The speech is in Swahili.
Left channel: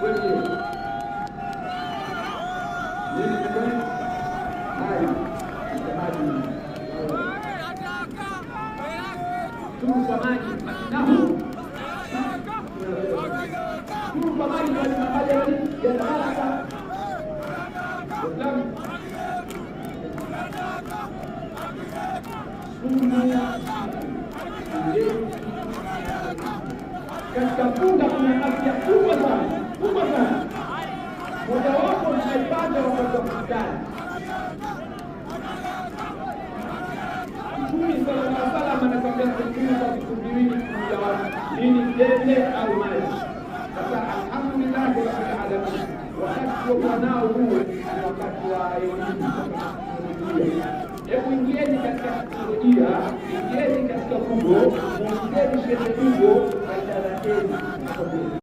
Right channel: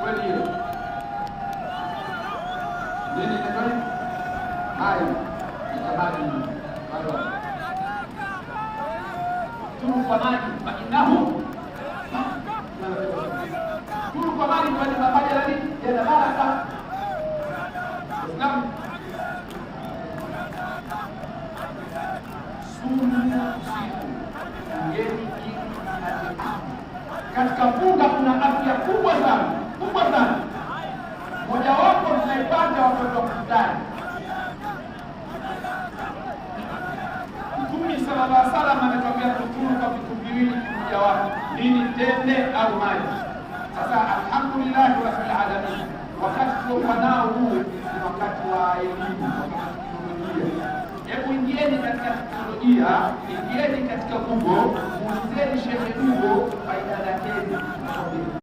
Kweli nini ndio haya itabadi tu kwa maji inaho tu kwa maji kwa mabaja hadi ya baraka katika funga kuna afya kubwa sana. Moja wapo mnaipata watoto wa mstari. Mtume sallallahu alaihi wasallam anataka kutumia kwa vitu viwili kuja watu, nini? Tende au maji. Sasa alhamdulillah rabbil alamin, wakati wa nao huo ni wakati wa elimu. Hebu ingieni katika teknolojia, ingieni katika Google, muulizeni Sheikh Google faida zake.